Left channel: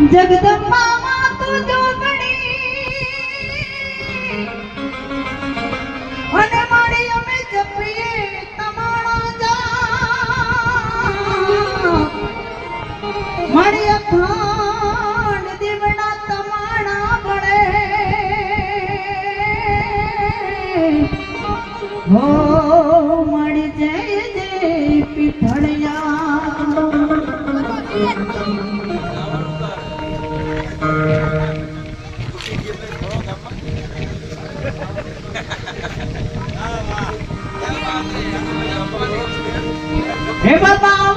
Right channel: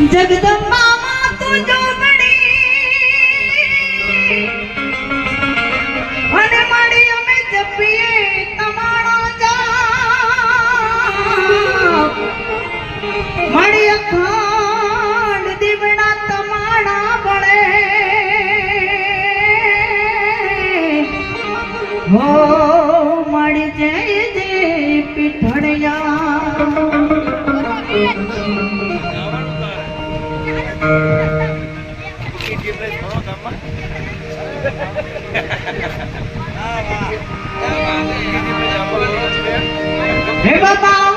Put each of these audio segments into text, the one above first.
जगदंबा હેબલમાં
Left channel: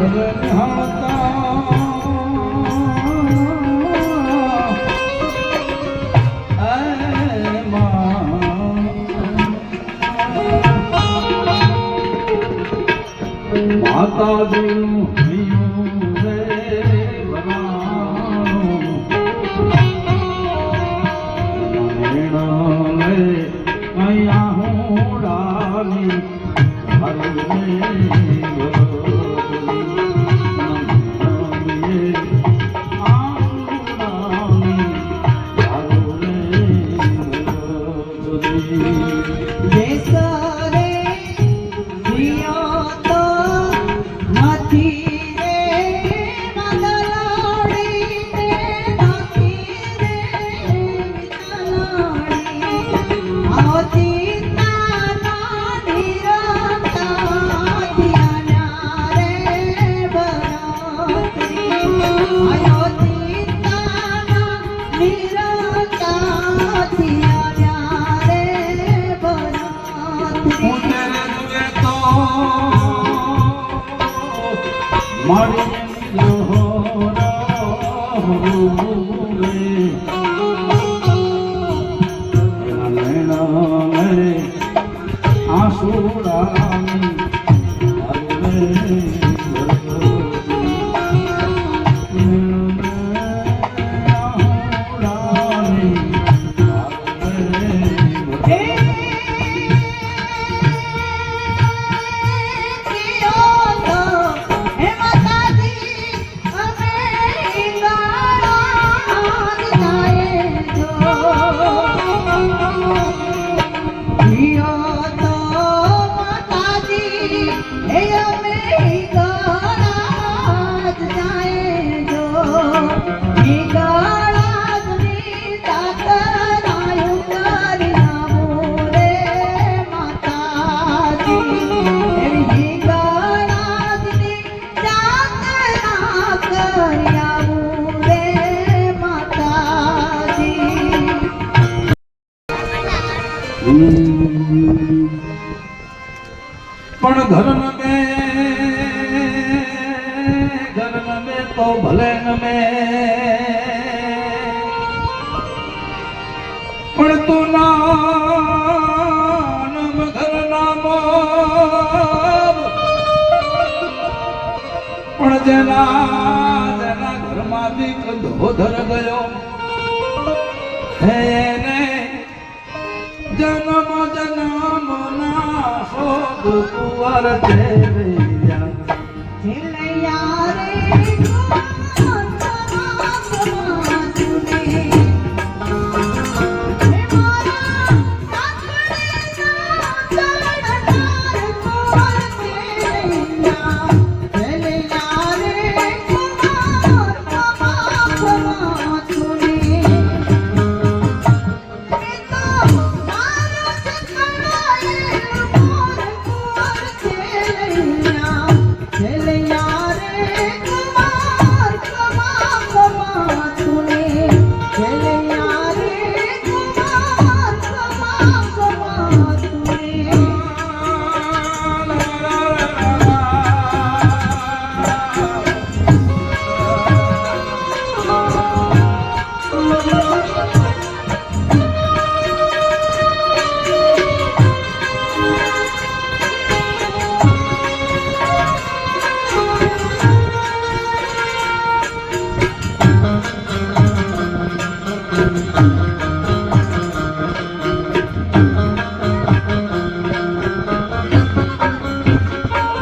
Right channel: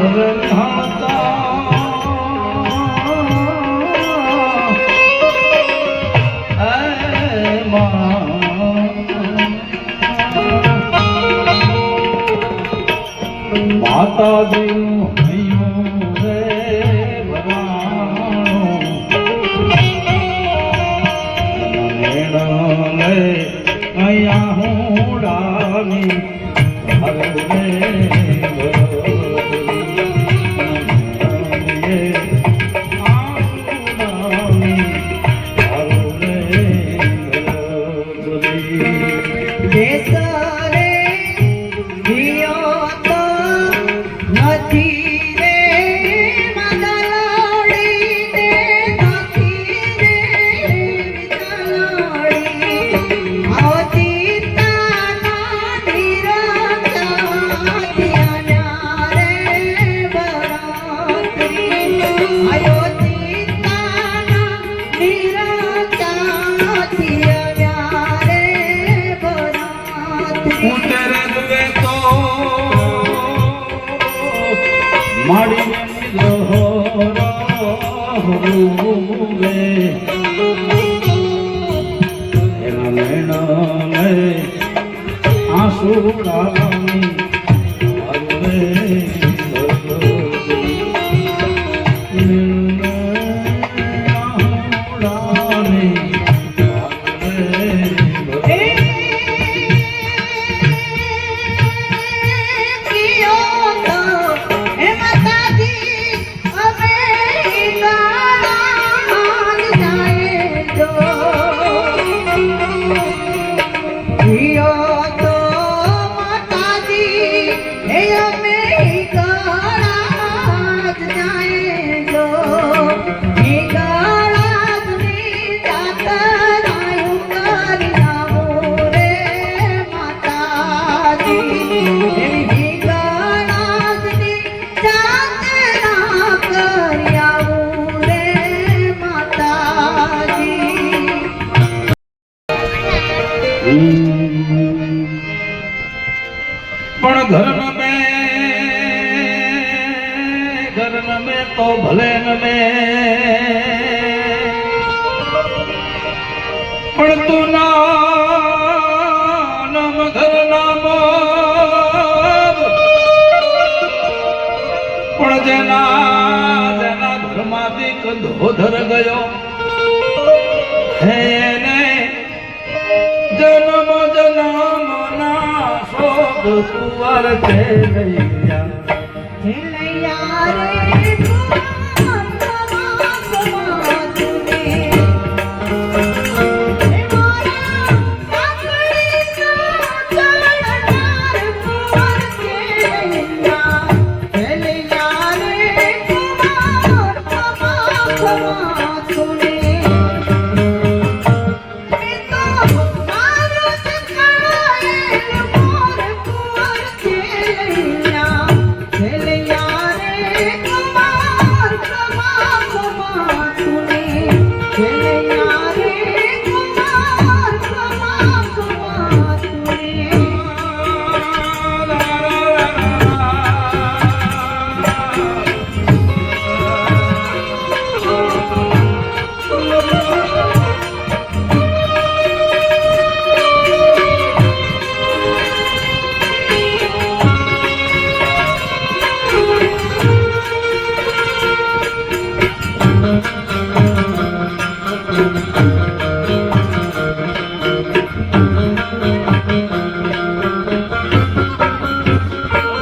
ভগবান হতা ઘરમાંથી કંધોધર ગયો. હેને જન્મ જન્મ ના શોધ કુંવર છે રૈયા Thank you.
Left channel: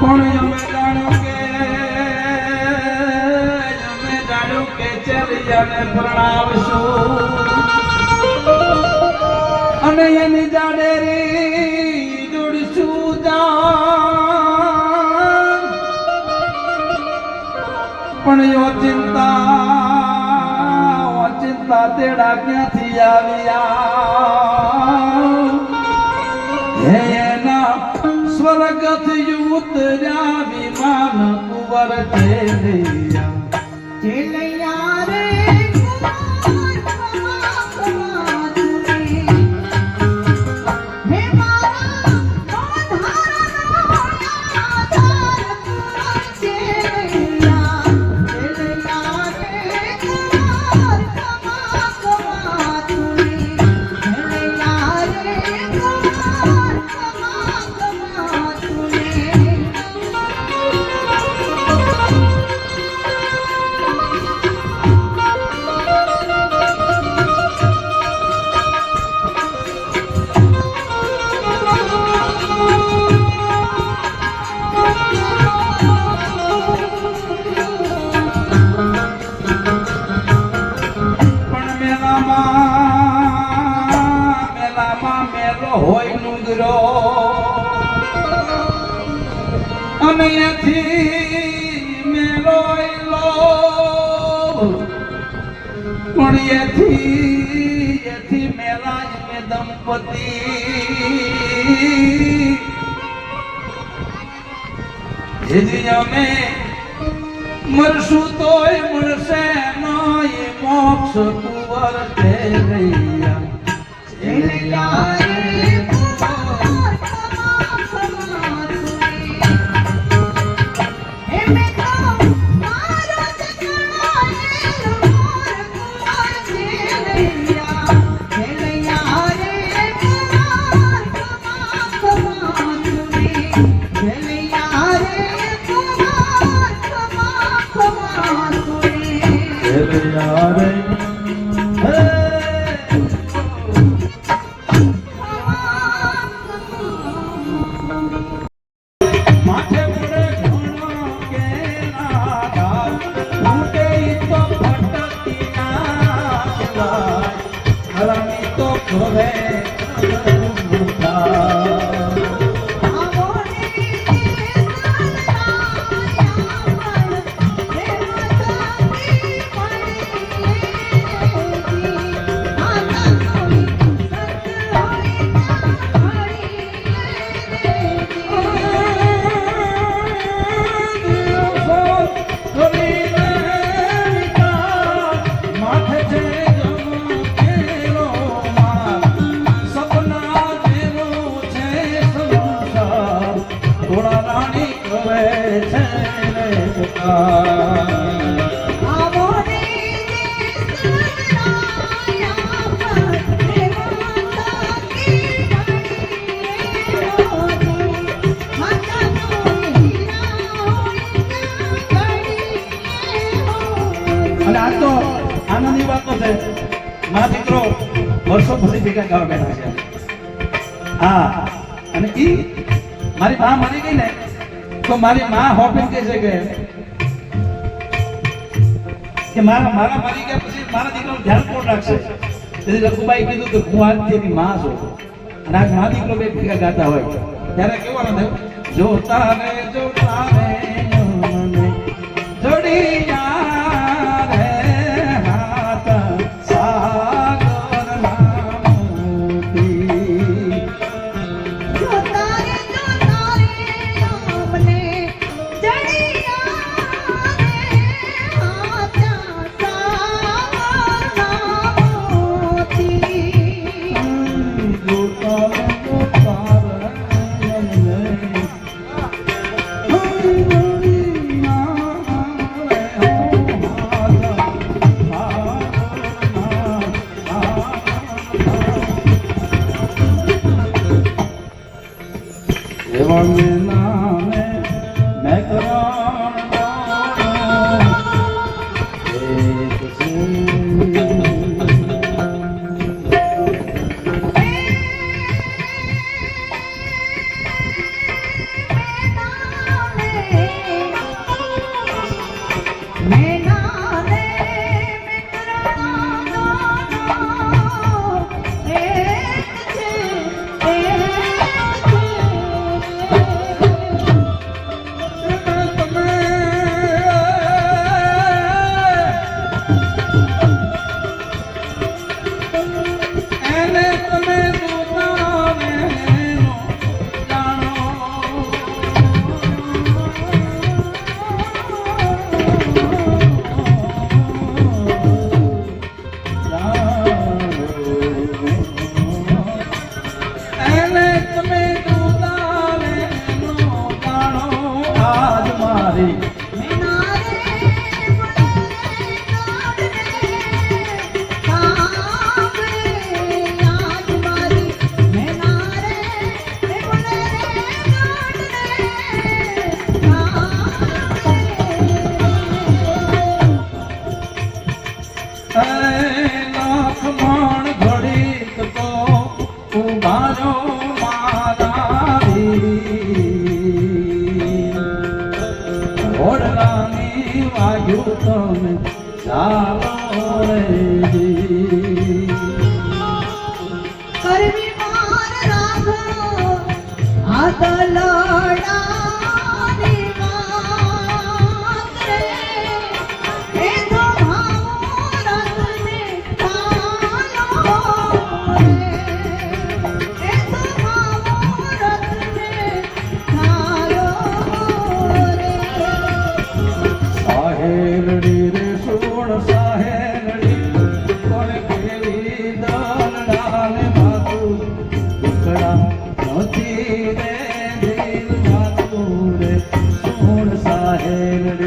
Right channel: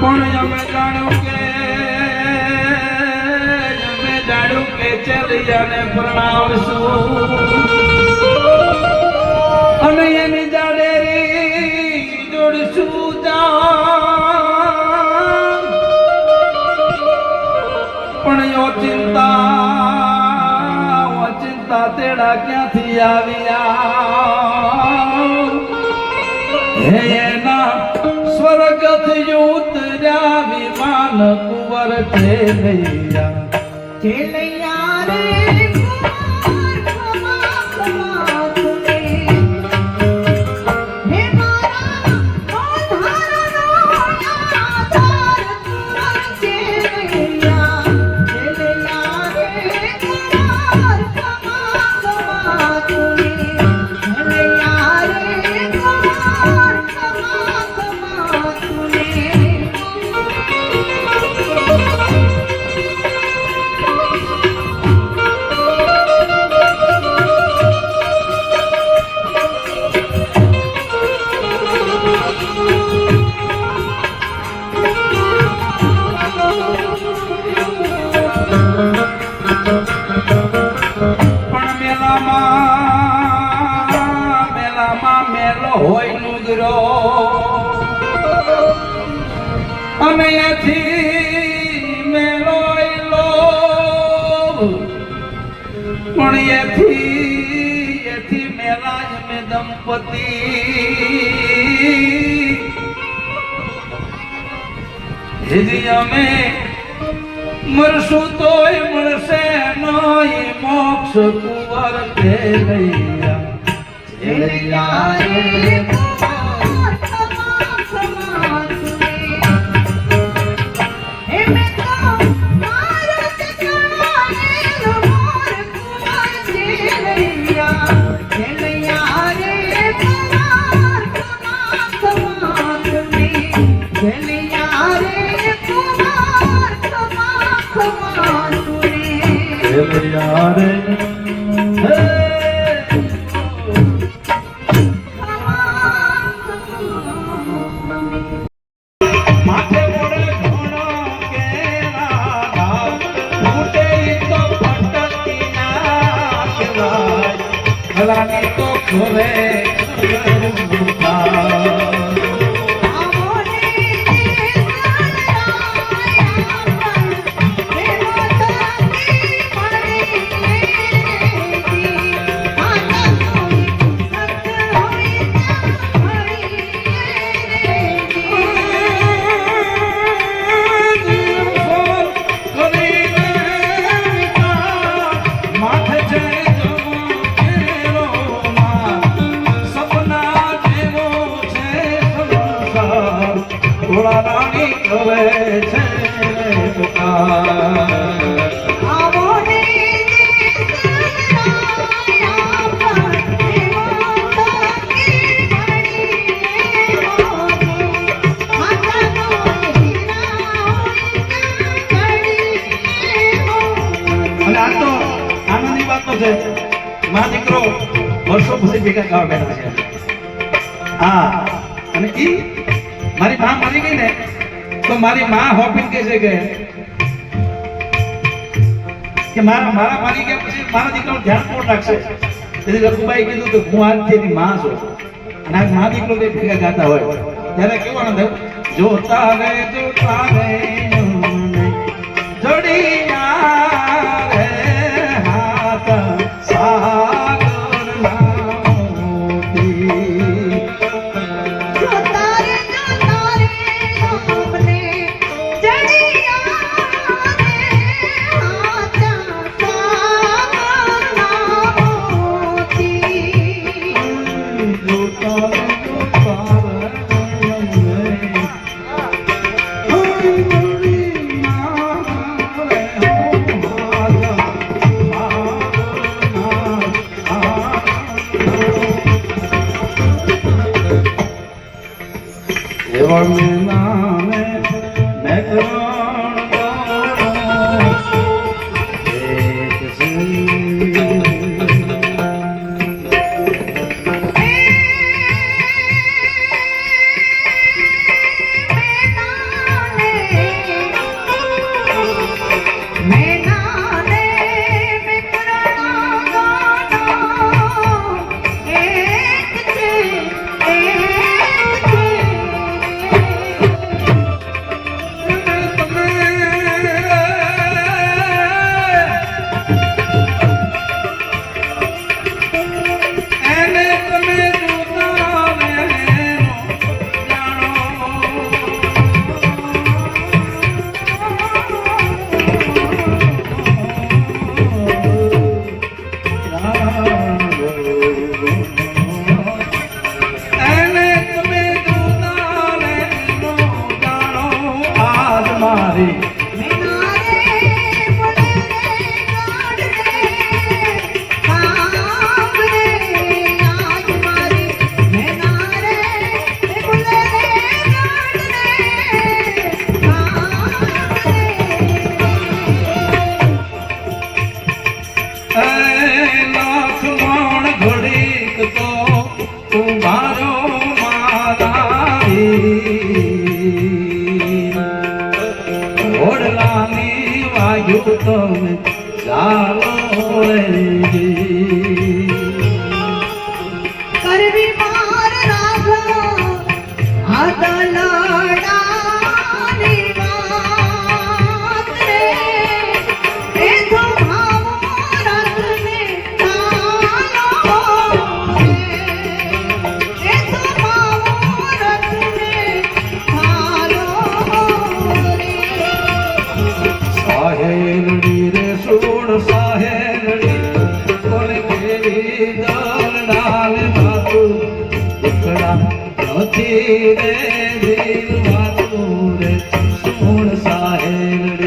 પણ અમે જાણ્યું કે, અમે જાણ્યું કે ચલિયાને પ્રણાવશું અને એની જાડેરી જોડશું જાન પણ યો ચિંતા ઓ ચિંતા તેડા ક્યાંથી આવ્યા હે એના કુંવર છે દંપતી જીજી અમે મરશું તોય મળશે નહીં મોક્ષ કુંવર છે વર્ષો ભેગા ગાવા બેઠા છે. હા, અને ઈ મારી મા મરી ગઈ ને, તો મારી મા હોપીને કહે છે કે કે મારા મારા મરી ગયા પછી મારા દીકરાનું ધ્યાન કોણ રાખશે? તેથી રઘુભાઈ કીધું કે હું આજ તેની મા છું. અને આ મા દીકરો ભેગા ગાતા હોય. ત્યારે કેવો આનંદ જોતા રે જોતા Oh, તમે ચાલો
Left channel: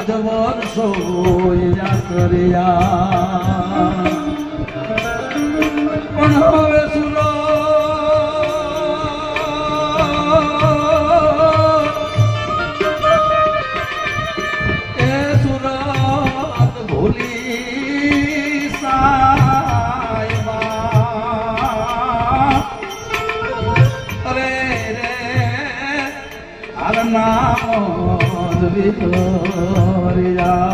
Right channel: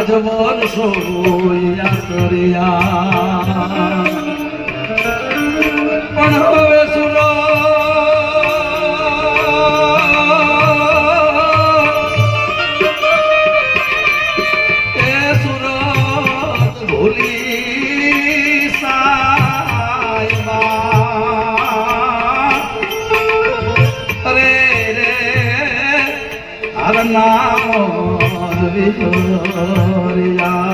રાજવોન સોયા કર્યા. પણ હવે સુનો Hare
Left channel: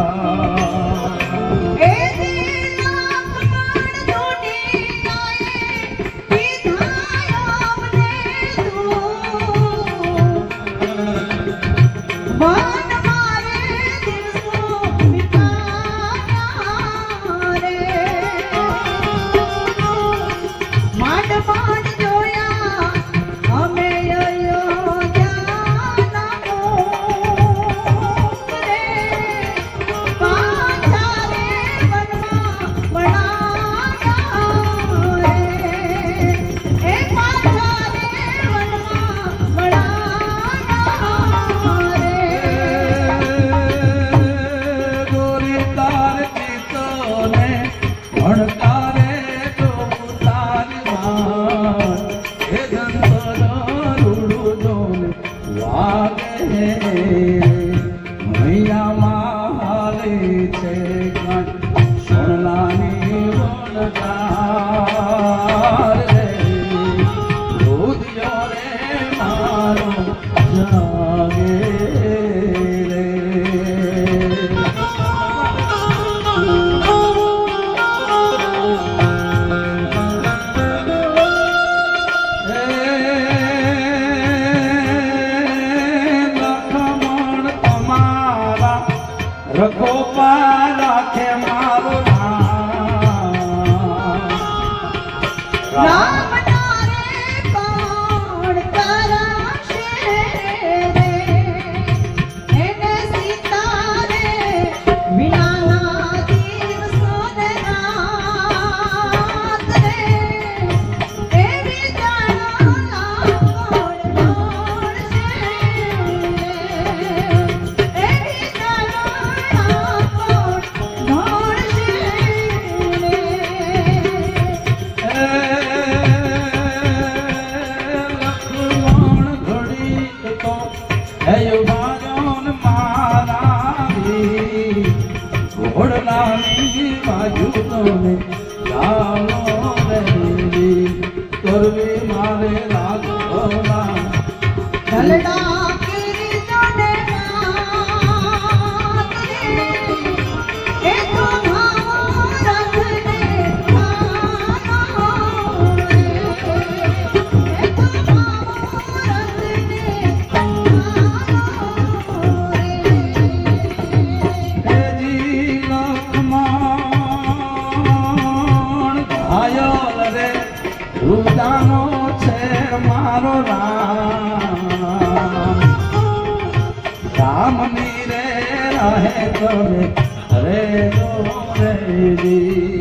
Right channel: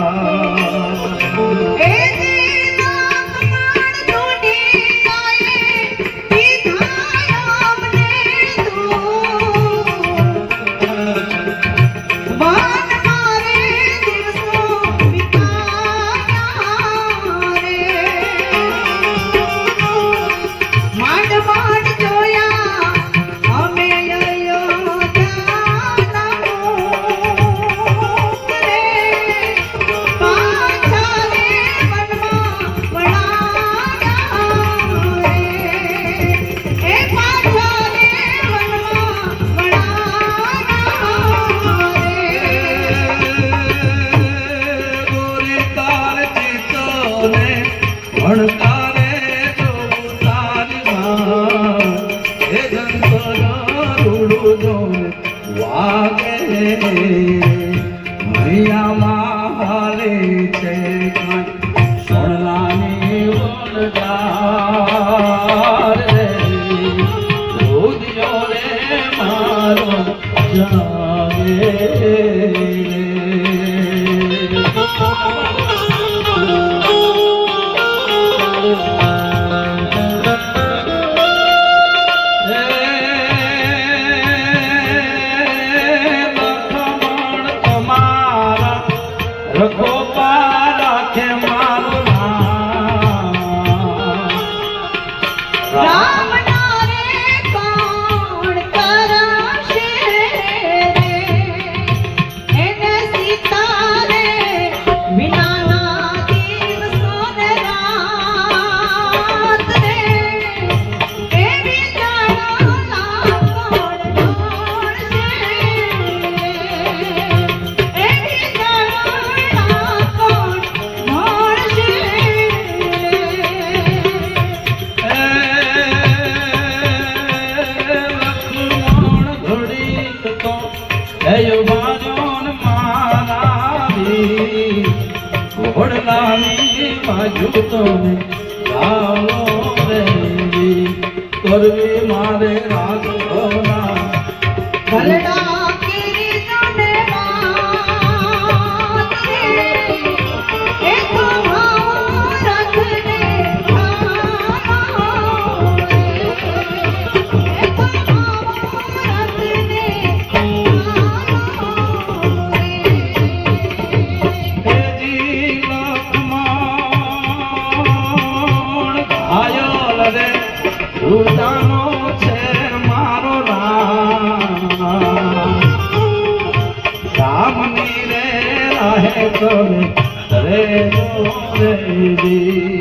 લાવી બાજુ તો કરે હરે દેવી